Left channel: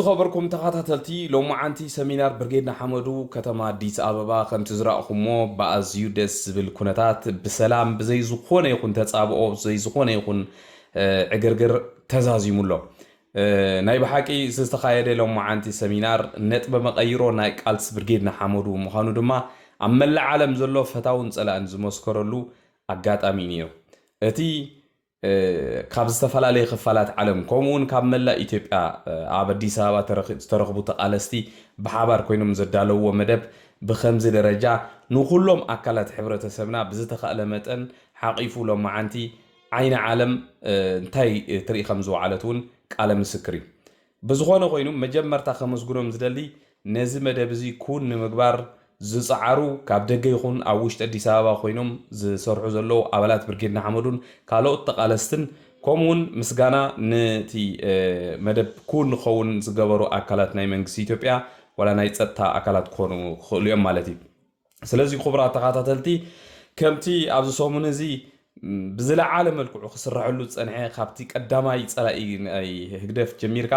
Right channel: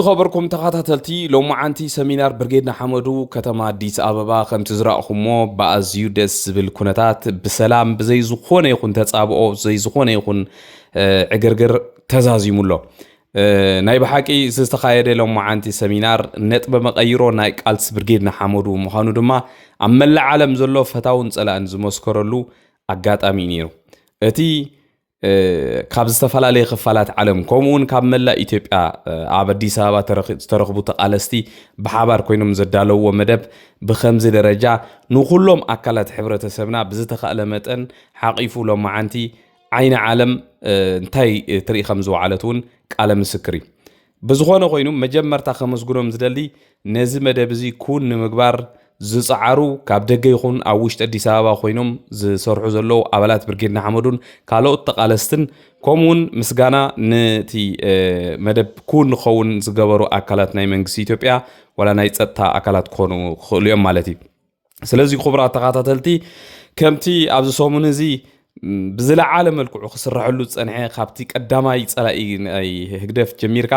خبركم تخاتلتي لو معنتي سمينار برجيدنا حمدو كتما ديس أبابا خمت زرعكمو بأزيو دس بالكونتات بسلام بزي زخونة يكون تتصابقو زي زخونة يكون عقرقر تزازي مولو ناي بحاكي سيستخايدي لو معنتي سمينار نتبا مقايرو نايك ألس برجيدنا حمدو مخانو دما عمال العالم زلو فتاون سألان زموسكرلو أقات أمينيرو اتي ካብ ዝተፈላለዩ ክፋላት ዓለም ከምኡውን ካብ መላእ ኢትዮጵያ ኣብ ኣዲስ ኣበባ ዝተረኽቡ ተቃለስቲ ብሓባር ኮይኖም ዘዳለውዎ መደብ ብከምዚ ደረጃ ንኩሎም ኣካላት ሕብረተሰብና ብዝተኽእለ መጠን ሓቂፉ ሎማዓንቲ ዓይኒ ዓለም እንታይ ትርኢ ከም ዝወዓለት እውን ቃለ ምስክር እዩ ብዝኾነ ኮይኑ መጀመርታ ከመስግኖም ዝደሊ ነዚ መደብ እዚ ኩን ንምግባር ዝፃዓሩ ካብ ደገ ይኹን ኣብ ውሽጢ ኣዲስ ኣበባ ኮይኖም ዝሰርሑ ዘለዉ ኣባላት ብርጌድና ሓመዱን ካልኦት ተቃለስትን ከምኡውን ምስጋና ነቲ መደብ ኩን ንኸውን ዝገበሩ ኣካላት ናይ መንግስቲ ኢትዮጵያ ወላ ናይ ፀጥታ ኣካላት ክኾኑ ክኽእሉ እዮም ማለት እዩ ስለዚ ክቡራት ተኸታተልቲ ከምቲ ኣብዚ ሰሙን እዚ ብዝለዓለ መልክዑ ክስርሐሉ ዝፀንሐ ካብቲ ቀዳማይ ፀላኢ ናይ ህግደፍ ጀሚርካ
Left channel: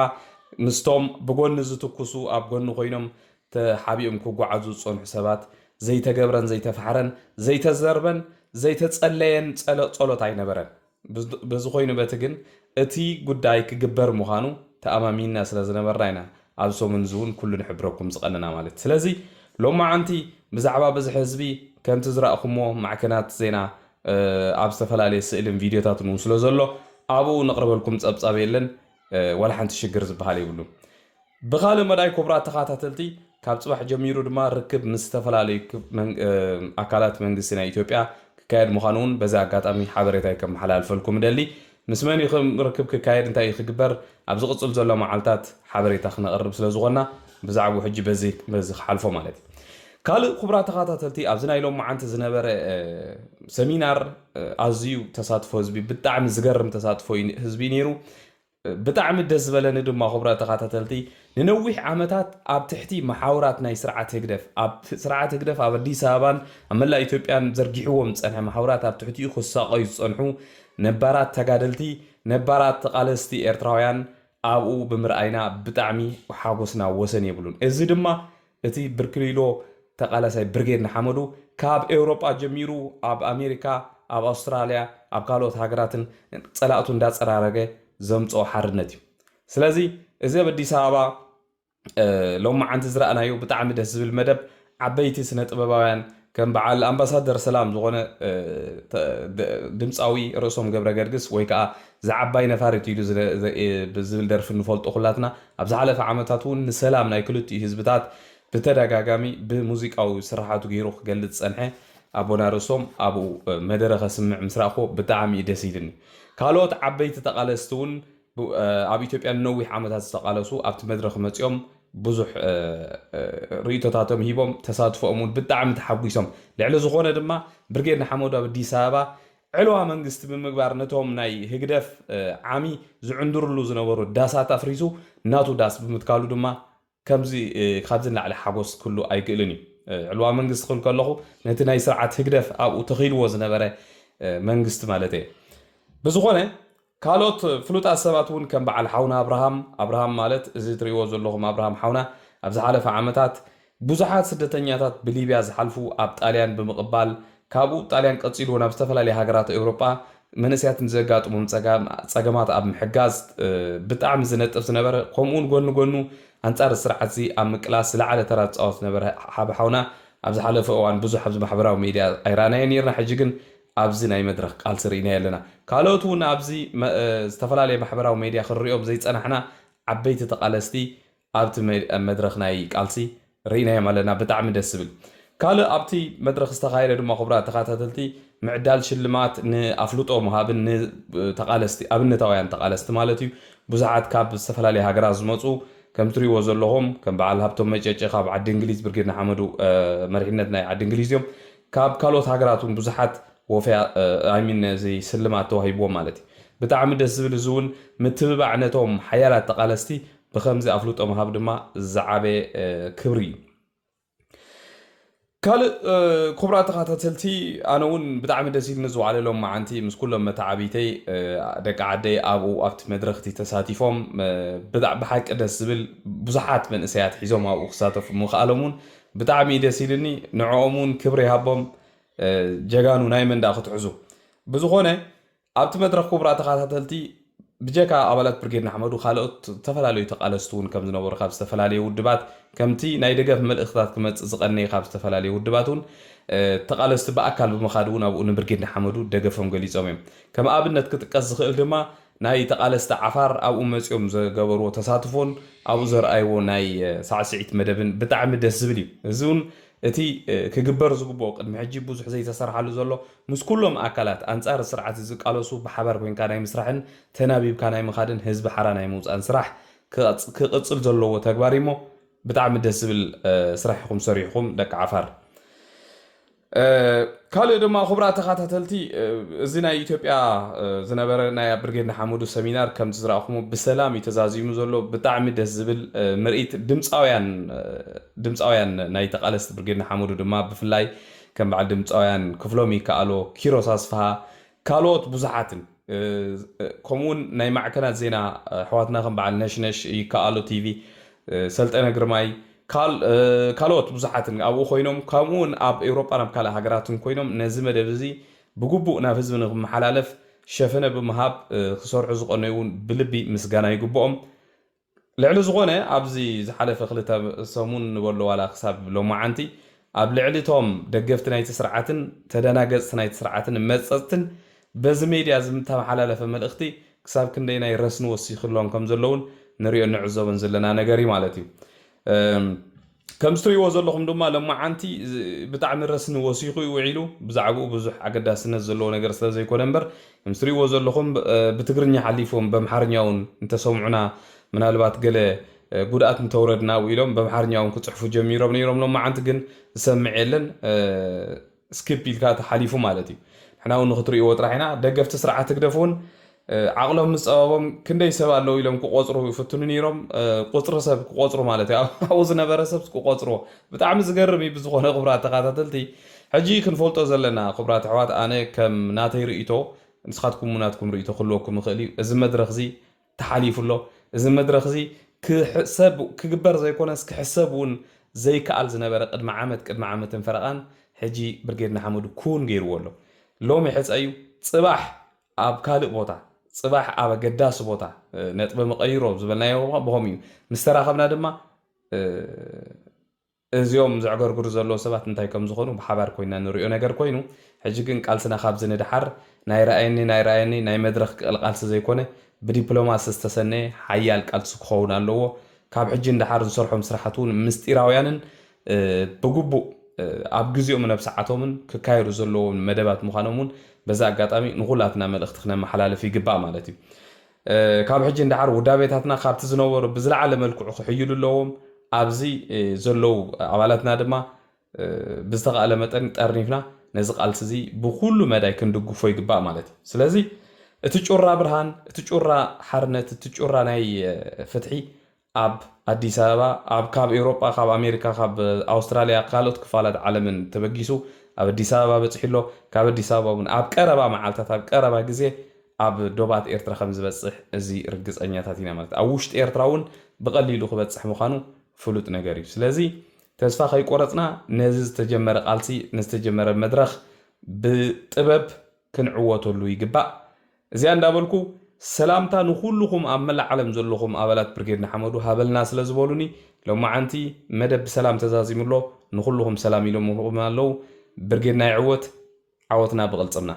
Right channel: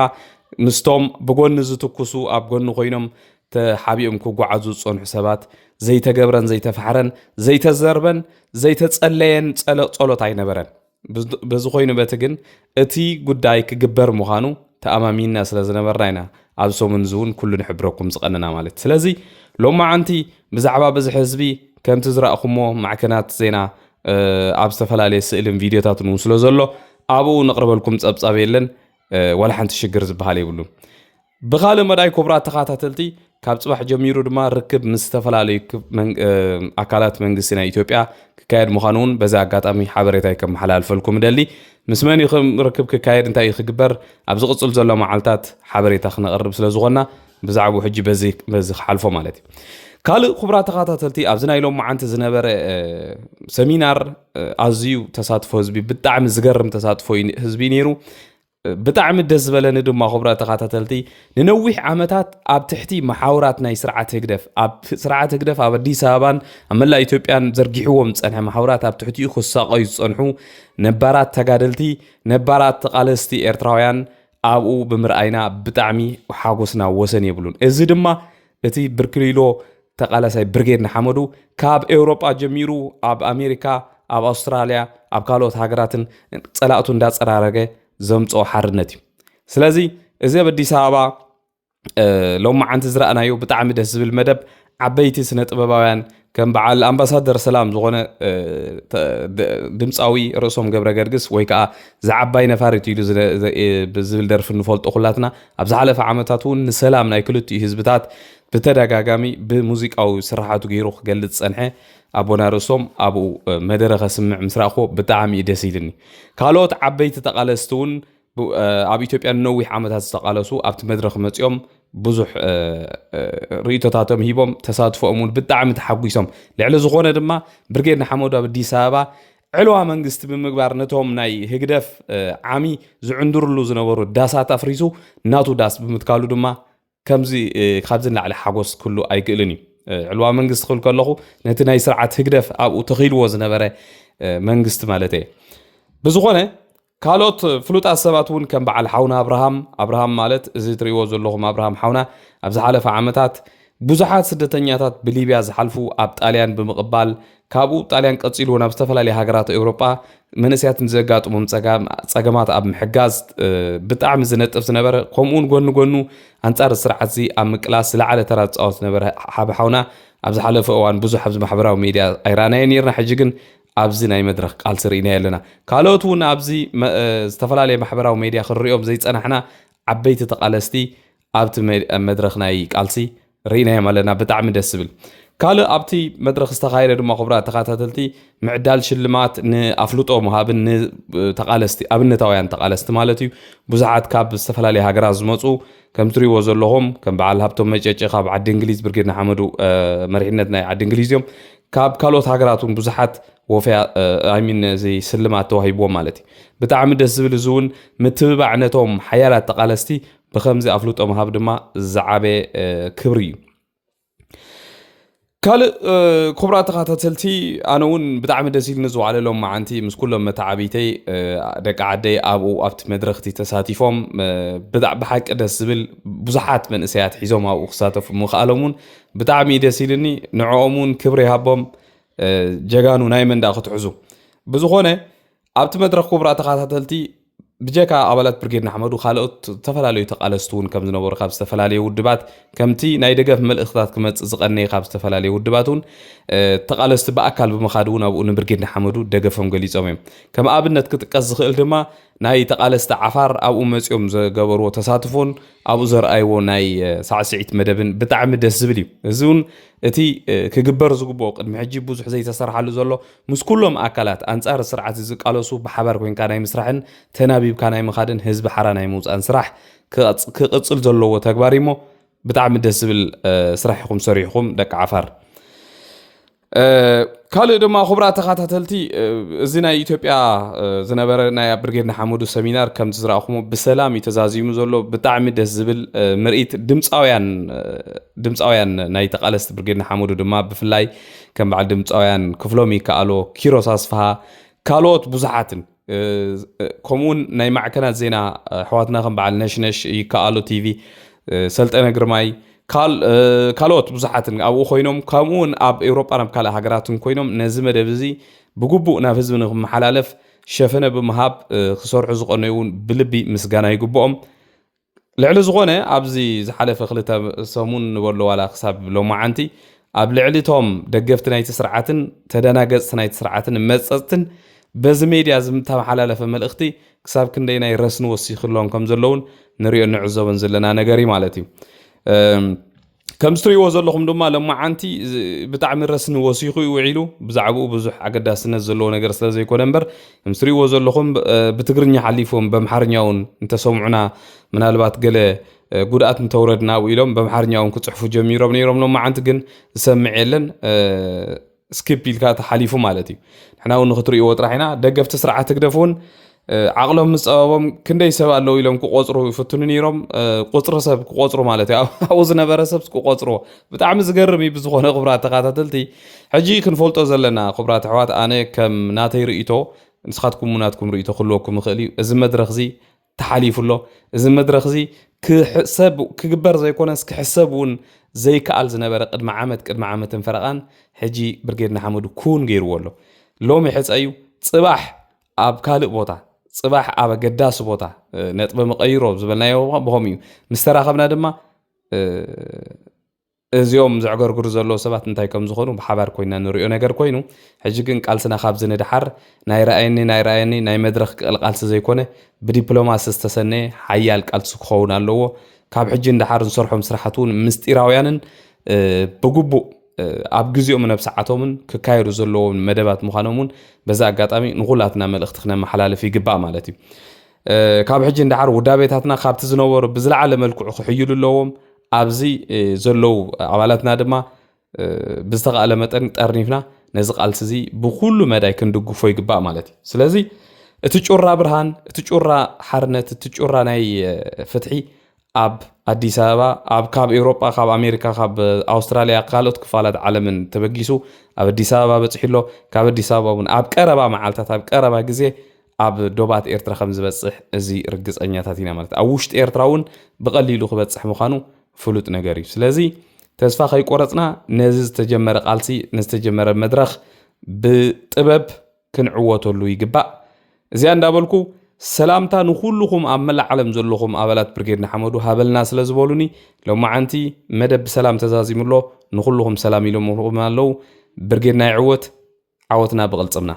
ምስቶም ብጎኒ ዝትኩሱ ኣብ ጎኒ ኮይኖም ተሓቢኦም ክጓዓዙ ዝፀንሑ ሰባት ዘይተገብረን ዘይተፋሕረን ዘይተዘርበን ዘይተፀለየን ጸሎት ኣይነበረን በዚ ኮይኑ በቲ ግን እቲ ጉዳይ ክግበር ምዃኑ ተኣማሚና ስለ ዝነበርና ኢና ኣብ ሰሙን ዝውን ኩሉ ንሕብረኩም ዝቐንና ማለት ስለዚ ሎማዓንቲ ብዛዕባ በዚ ህዝቢ ከምቲ ዝረኣኹሞ ማዕከናት ዜና ኣብ ዝተፈላለየ ስእልን ቪድዮታትን ስለ ዘሎ ኣብኡ ነቕርበልኩም ፀብፃብ የለን ወላ ሓንቲ ሽግር ዝበሃል የብሉን ብኻልእ መዳይ ክቡራት ተኸታተልቲ ካብ ጽባሕ ጀሚሩ ድማ ርክብ ምስ ዝተፈላለዩ ኣካላት መንግስቲ ናይ ኢትዮጵያ ክካየድ ምዃኑን በዛ ኣጋጣሚ ሓበሬታ ከመሓላልፈልኩም ደሊ ምስ መን ርክብ ክካየድ እንታይ ክግበር ኣብ ዝቕፅል ዘሎ መዓልታት ሓበሬታ ክነቕርብ ስለ ዝኾንና ብዛዕባ ሕጂ በዚ ክሓልፎ ማለት እዩ ካልእ ክቡራት ተኸታተልቲ ኣብዚ ናይ ሎም መዓልቲ ዝነበረ ሰሚናር ኣዝዩ ተሳትፎ ህዝቢ ብጣዕሚ ዝገርም ተሳትፎ ህዝቢ ነይሩ ብጣዕሚ ደስ ዝበለኒ ድማ ክቡራት ተኸታተልቲ ንነዊሕ ዓመታት ኣብ ትሕቲ መሓውራት ናይ ስርዓት ህግደፍ ኣብ ኣዲስ ኣበባን ኣብ መላእ ኢትዮጵያን ዘርጊሕዎም ዝፀንሐ መሓውራት ኣብ ትሕቲኡ ክሳቀዩ ዝፀንሑ ነባራት ተጋደልቲ ነባራት ተቃለስቲ ኤርትራውያን ኣብኡ ብምርኣይና ብጣዕሚ ሓጎስና ወሰን የብሉን እዚ ድማ እቲ ብርክሊሎ ተቃላሳይ ብርጌድና ሓመዱ ካብ ኤውሮጳ ጀሚሩ ኣብ ኣሜሪካ ኣብ ኣውስትራልያ ኣብ ካልኦት ሃገራትን ፀላእቱ እንዳፀራረገ ዘምጾ ሓርነት እዩ ስለዚ እዚ ኣብ ኣዲስ ኣበባ ሎማዓንቲ ዝረኣናዮ ብጣዕሚ ደስ ዝብል መደብ ዓበይቲ ስነ ጥበባውያን ከም በዓል ኣምባሳደር ሰላም ዝኾነ ድምፃዊ ርእሶም ገብረ ገርግስ ወይ ከዓ ዝዓባይ ነፋሪት ኢሉ ብዝብል ደርፊ ንፈልጦ ኩላትና ኣብ ዝሓለፈ ዓመታት እውን ንሰላም ናይ ክልቲኡ ህዝብታት ብተደጋጋሚ ብሙዚቃዊ ስራሓቱ ገይሩ ክገልጽ ፀንሐ ኣቦና ርእሶም ኣብኡ መደረ ከስምዕ ምስ ረኣኽዎ ብጣዕሚ ደስ ኢልኒ ካልኦት ዓበይቲ ተቃለስቲ እውን ኣብ ኢትዮጵያ ነዊሕ ዓመታት ዝተቃለሱ ኣብቲ መድረክ መፅኦም ብዙሕ ርእቶታቶም ሂቦም ተሳትፎኦም እውን ብጣዕሚ ተሓጒሶም ልዕሊ ዝኾነ ድማ ብርጌድና ሓመዱ ኣብ ኣዲስ ኣበባ ዕልዋ መንግስቲ ብምግባር ነቶም ናይ ህግደፍ ዓሚ ዝዕንድርሉ ዝነበሩ ዳሳት ኣፍሪሱ ናቱ ዳስ ብምትካሉ ድማ ከምዚ ካብዚ ንላዕሊ ሓጎስ ኩሉ ኣይክእልን እዩ ዕልዋ መንግስቲ ክብል ከለኹ ነቲ ናይ ስርዓት ህግደፍ ኣብኡ ተኺልዎ ዝነበረ መንግስቲ ማለት እየ ብዝኾነ ካልኦት ፍሉጣት ሰባት እውን ከም በዓል ሓውና ኣብርሃም ማለት እዚ ትሪእዎ ዘለኹም ኣብርሃም ሓውና ኣብ ዝሓለፈ ዓመታት ብዙሓት ስደተኛታት ብሊብያ ዝሓልፉ ኣብ ጣልያን ብምቕባል ካብኡ ጣልያን ቀፂሉ ናብ ዝተፈላለዩ ሃገራት ኤውሮጳ መንእስያትን ዘጋጥሞም ፀገማት ኣብ ምሕጋዝ ብጣዕሚ ዝነጥፍ ዝነበረ ከምኡውን ጎኒ ጎኑ ኣንጻር ስርዓት እዚ ኣብ ምቅላስ ዝለዓለ ተራ ዝፃወት ዝነበረ ሓውና ኣብ ዝሓለፈ እዋን ብዙሕ ኣብዚ ማሕበራዊ ሚድያ ኣይረኣናዮ ነርና ሕጂ ግን ኣብዚ ናይ መድረክ ቃልሲ ርኢና ኣለና ካልኦት እውን ኣብዚ ዝተፈላለየ ማሕበራዊ ሚድያ ክንሪኦም ዘይፀናሕና ዓበይቲ ተቃለስቲ ኣብቲ መድረክ ናይ ቃልሲ ርኢናዮም ኣለና ብጣዕሚ ደስ ዝብል ካልእ ኣብቲ መድረክ ዝተኻየደ ድማ ክቡራት ተኸታተልቲ ምዕዳል ሽልማት ንኣፍልጦ ምሃብን ንተቓለስቲ ኣብነታውያን ተቓለስቲ ማለት እዩ ብዙሓት ካብ ዝተፈላለየ ሃገራት ዝመፁ ከም ትሪእዎ ዘለኹም ከም በዓል ሃብቶም መጨጨ ካብ ዓዲ እንግሊዝ ብርጌድና ሓመዱ መሪሕነት ናይ ዓዲ እንግሊዝ እዮም ካብ ካልኦት ሃገራት እውን ብዙሓት ወፍያ ኣሚን እዚ ስልማት ተዋሂብዎም ማለት እዩ ብጣዕሚ ደስ ዝብል እዚ እውን ምትብባዕ ነቶም ሓያላት ተቓለስቲ ብከምዚ ኣፍልጦ ምሃብ ድማ ዝዓበየ ክብሪ እዩ ካልእ ክቡራት ተኸታተልቲ ኣነ እውን ብጣዕሚ ደስ ኢልኒ ዝዋዕለሎም መዓንቲ ምስ ኩሎም መታዓቢተይ ደቂ ዓደይ ኣብኡ ኣብቲ መድረክቲ ተሳቲፎም ብሓቂ ደስ ዝብል ብዙሓት መንእሰያት ሒዞም ኣብኡ ክሳተፉ ምኽኣሎም እውን ብጣዕሚ ደስ ኢልኒ ንዕኦም እውን ክብሪ ይሃቦም ጀጋኑ ናይ መንዳ ክትሕዙ ብዝኾነ ኣብቲ መድረክ ክቡራት ተኸታተልቲ ብጀካ ኣባላት ብርጌድና ሓመዱ ካልኦት ዝተፈላለዩ ተቓለስቲ እውን ከም ዝነበሩ ካብ ዝተፈላለዩ ውድባት ከምቲ ናይ ደገፍ መልእኽትታት ክመፅእ ዝቐነየ ካብ ዝተፈላለዩ ውድባት እውን ተቓለስቲ ብኣካል ብምኻድ እውን ኣብኡ ንብርጌድና ሓመዱ ደገፎም ገሊፆም እዮም ከም ኣብነት ክጥቀስ ዝኽእል ድማ ናይ ተቓለስቲ ዓፋር ኣብኡ መፂኦም ዝገበርዎ ተሳትፎን ኣብኡ ዘርኣይዎ ናይ ሳዕስዒት መደብን ብጣዕሚ ደስ ዝብል እዩ እዚ እውን እቲ ክግበር ዝግብኦ ቅድሚ ሕጂ ብዙሕ ዘይተሰርሓሉ ዘሎ ምስ ኩሎም ኣካላት ኣንጻር ስርዓት ዝቃለሱ ብሓባር ኮንካ ናይ ምስራሕን ተናቢብካ ናይ ምኻድን ህዝቢ ሓራ ናይ ምውፃን ስራሕ ክቕፅል ዘለዎ ተግባር እሞ ብጣዕሚ ደስ ዝብል ስራሕ ኢኹም ሰሪሕኩም ደቂ ዓፋር ካልእ ድማ ክቡራት ተኸታተልቲ እዚ ናይ ኢትዮጵያ ዝነበረ ናይ ብርጌድና ሓመዱ ሰሚናር ከምቲ ዝረኣኹሞ ብሰላም እዩ ተዛዚሙ ዘሎ ብጣዕሚ ደስ ዝብል ምርኢት ድምፃውያን ናይ ተቓለስቲ ብርጌድና ሓመዱ ድማ ብፍላይ ከም በዓል ድምፃውያን ክፍሎም ይከኣሎ ኪሮስ ኣስፋሃ ካልኦት ብዙሓትን ከምኡውን ናይ ማዕከናት ዜና ኣሕዋትና ከም በዓል ነሽነሽ ይከኣሎ ቲቪ ሰልጠነ ግርማይ ካልኦት ብዙሓትን ኣብኡ ኮይኖም ከምኡውን ኣብ ኤውሮጳ ናብ ካልእ ሃገራትን ኮይኖም ነዚ መደብ እዚ ብግቡእ ናብ ህዝቢ ንክመሓላለፍ ሸፈነ ብምሃብ ክሰርሑ ዝቐነዩ እውን ብልቢ ምስጋና ይግብኦም ልዕሊ ዝኾነ ኣብዚ ዝሓለፈ ክልተ ሰሙን ንበሎ ዋላ ክሳብ ሎማዓንቲ ኣብ ልዕሊ እቶም ደገፍቲ ናይቲ ስርዓትን ተደናገፅቲ ናይቲ ስርዓትን መፀፅትን በዚ ሜድያ ዝተመሓላለፈ መልእኽቲ ክሳብ ክንደይ ናይ ረስኒ ወሲኽሎም ከም ዘለውን ንሪኦ ንዕዘቦን ዘለና ነገር ማለት እዩ ከም ትሪእዎ ዘለኹም ድማ ሎማዓንቲ ብጣዕሚ ረስኒ ወሲኹ ይውዒሉ ብዛዕባኡ ብዙሕ ኣገዳስነት ዘለዎ ነገር ስለ ዘይኮነ እምበር ከም ትሪእዎ ዘለኹም ብትግርኛ ሓሊፎም በምሓርኛ እውን እንተሰምዑና ምናልባት ገለ ጉድኣት እንተውረድና ኢሎም በምሓርኛ እውን ክፅሕፉ ጀሚሮም ነይሮም ሎማዓንቲ ግን ዝሰምዕ የለን ስኪፕ ኢልካ ተሓሊፉ ማለት እዩ ንሕና እውን ንክትሪእዎ ጥራሕ ኢና ደገፍቲ ስርዓት ትግደፍ እውን ዓቕሎም ምፀበቦም ክንደይ ሰብ ኣለዉ ኢሎም ክቆፅሩ ይፍትኑ ነይሮም ቁፅሪ ሰብ ክቆፅሩ ማለት እዩ ኣብኡ ዝነበረ ሰብ ክቆፅሮ ብጣዕሚ ዝገርም እዩ ብዝኾነ ክቡራት ተኸታተልቲ ሕጂ ክንፈልጦ ዘለና ክቡራት ኣሕዋት ኣነ ከም ናተይ ርእቶ ንስኻትኩም ናትኩም ርእቶ ክህልወኩም ይኽእል እዩ እዚ መድረክ እዚ ተሓሊፉሎ እዚ መድረክ እዚ ክግበር ዘይኮነስ ክሕሰብ እውን ዘይከኣል ዝነበረ ቅድሚ ዓመትን ፈረቓን ሕጂ ብርጌድና ሓመዱ ኩን ገይርዎ ኣሎ ሎሚ ሕፀ እዩ ፅባሕ ኣብ ካልእ ቦታ ፅባሕ ኣብ ኣገዳሲ ቦታ ነጥቢ መቐይሮ ዝበልናዮ ብኸም እዩ ምስ ተራኸብና ድማ እዚኦም ዝዕገርግሩ ዘለዎ ሰባት እንታይ ከም ዝኾኑ ብሓባር ኮይና ንሪኦ ነገር ኮይኑ ሕጂ ግን ቃልስና ካብዚ ንድሓር ናይ ረኣየኒ ናይ መድረክ ቃልሲ ዘይኮነ ብዲፕሎማሲ ዝተሰነየ ሓያል ቃልሲ ክኸውን ኣለዎ ካብ ሕጂ ንድሓር ዝሰርሖም ስራሕት እውን ምስጢራውያንን ብግቡእ ኣብ ግዜኦም ናብ ሰዓቶምን ክካየዱ ዘለዎም መደባት ምዃኖም እውን በዛ ኣጋጣሚ ንኹላትና መልእኽቲ ክነመሓላለፍ ይግባእ ማለት እዩ ካብ ሕጂ ንድሓር ውዳቤታትና ካብቲ ዝነበሩ ብዝለዓለ መልክዑ ክሕይሉ ኣለዎም ኣብዚ ዘለው ኣባላትና ድማ ብዝተኻእለ መጠን ጠርኒፍና ነዚ ቃልሲ እዚ ብኩሉ መዳይ ክንድግፎ ይግባእ ማለት እዩ ስለዚ እቲ ጩራ ብርሃን እቲ ጩራ ሓርነት እቲ ጩራ ናይ ፍትሒ ኣብ ኣዲስ ኣበባ ኣብ ካብ ኤውሮጳ ካብ ኣሜሪካ ካብ ኣውስትራልያ ካልኦት ክፋላት ዓለምን ተበጊሱ ኣብ ኣዲስ ኣበባ በፂሕሎ ካብ ኣዲስ ኣበባ እውን ኣብ ቀረባ መዓልታት ኣብ ቀረባ ግዜ ኣብ ዶባት ኤርትራ ከም ዝበፅሕ እዚ ርግፀኛታት ኢና ማለት ኣብ ውሽጢ ኤርትራ እውን ብቐሊሉ ክበፅሕ ምዃኑ ፍሉጥ ነገር እዩ ስለዚ ተስፋ ከይቆረፅና ነዚ ዝተጀመረ ቃልሲ ንዝተጀመረ መድረክ ብጥበብ ክንዕወተሉ ይግባእ እዚኣ እንዳበልኩ ሰላምታ ንኩልኩም ኣብ መላእ ዓለም ዘለኹም ኣባላት ብርጌድና ሓመዱ ሃበልና ስለ ዝበሉኒ ሎማዓንቲ መደብ ሰላም ተዛዚሙሎ ንኩልኩም ሰላም ኢሎም ኣለዉ ብርጌድና ይዕወት ዓወትና ብቕልፅምና